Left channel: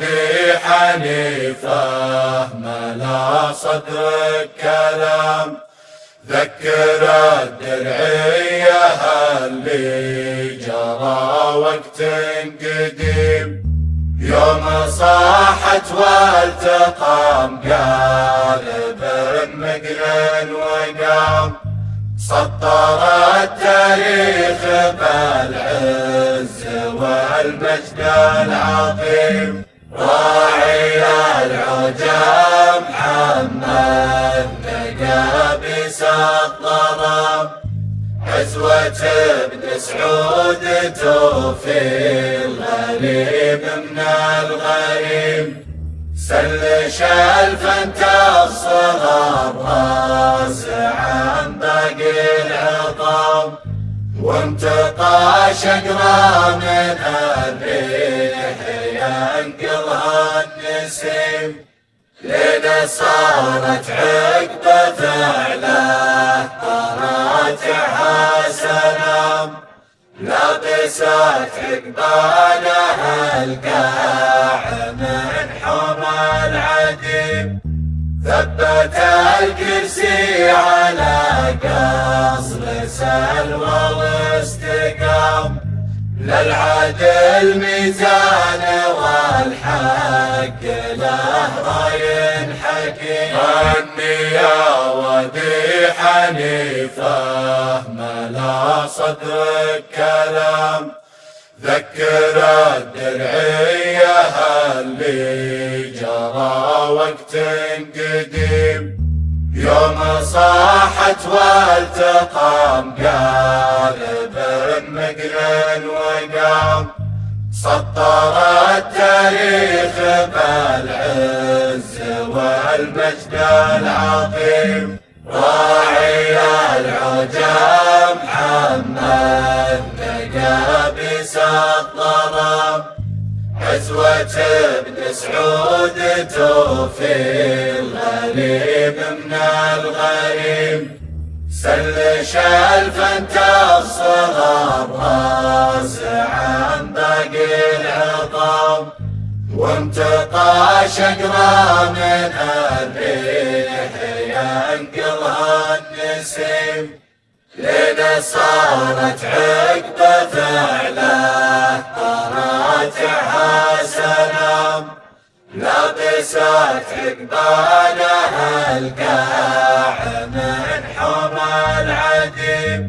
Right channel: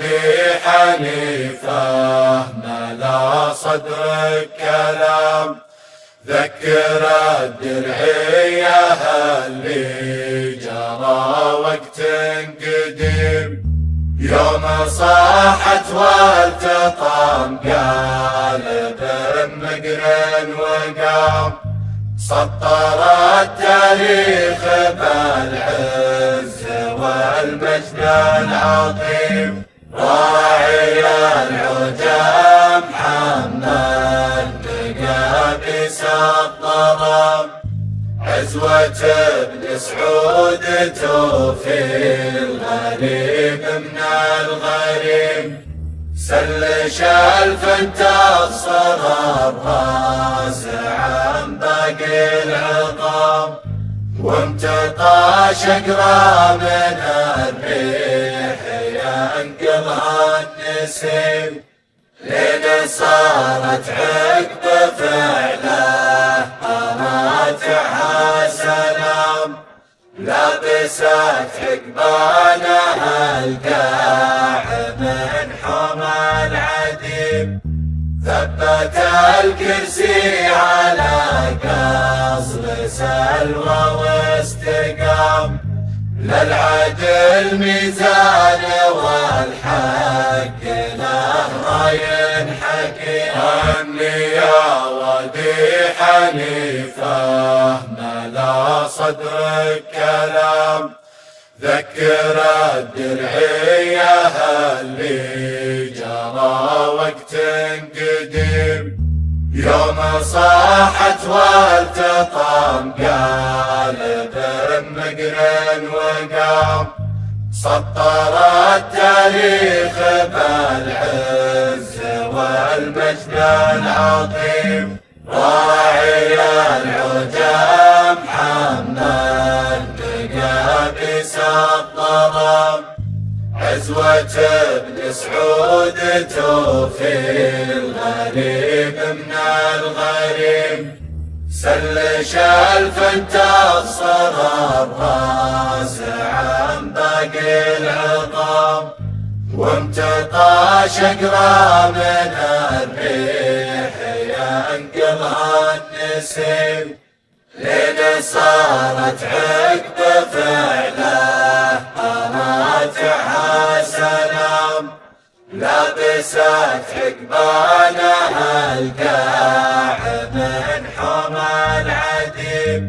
وادي حنيفة ملا صدرك كلام، ذكر الدرعية اللي جرى وقت قديم، يوم صاحت والتطام قالب مقرن وقام، سطر التاريخ بالعز والمجد العظيم، راعي العجم محمد لقى بس الظلام، عزوة ابن سعود توفي الغريب من الغريم، سلش الفنت الصلاب راس عن باقي العظام، وامتطى شقرا من الريح ينقلها النسيم، لين صارت عقب فعله راتعها سلام، لابست عقبالها القاع من حمى العديم، ثبت الكرسي على قصر سلوى واستقام، للعدل ميزان والحق له راي حكيم، غني يا وادي حنيفة ملا صدرك كلام، ذكر الدرعية اللي جرى وقت قديم، يوم صاحت والتطام قالب مقرن وقام، سطر التاريخ بالعز والمجد العظيم، راعي العجم محمد لقى بس الظلام، عزوة ابن سعود توفي الغريب من الغريم، سلش الفنت الصلاب راس عن باقي العظام، وامتطى شقرا من الريح ينقلها النسيم، لين صارت عقب فعله راتعها سلام، لابست عقبالها القاع من حمى العديم،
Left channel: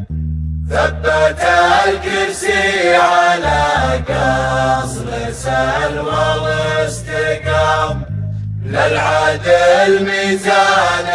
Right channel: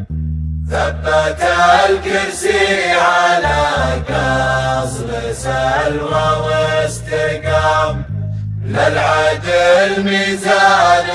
ثبت الكرسي على قصر سلوى واستقام، للعدل ميزان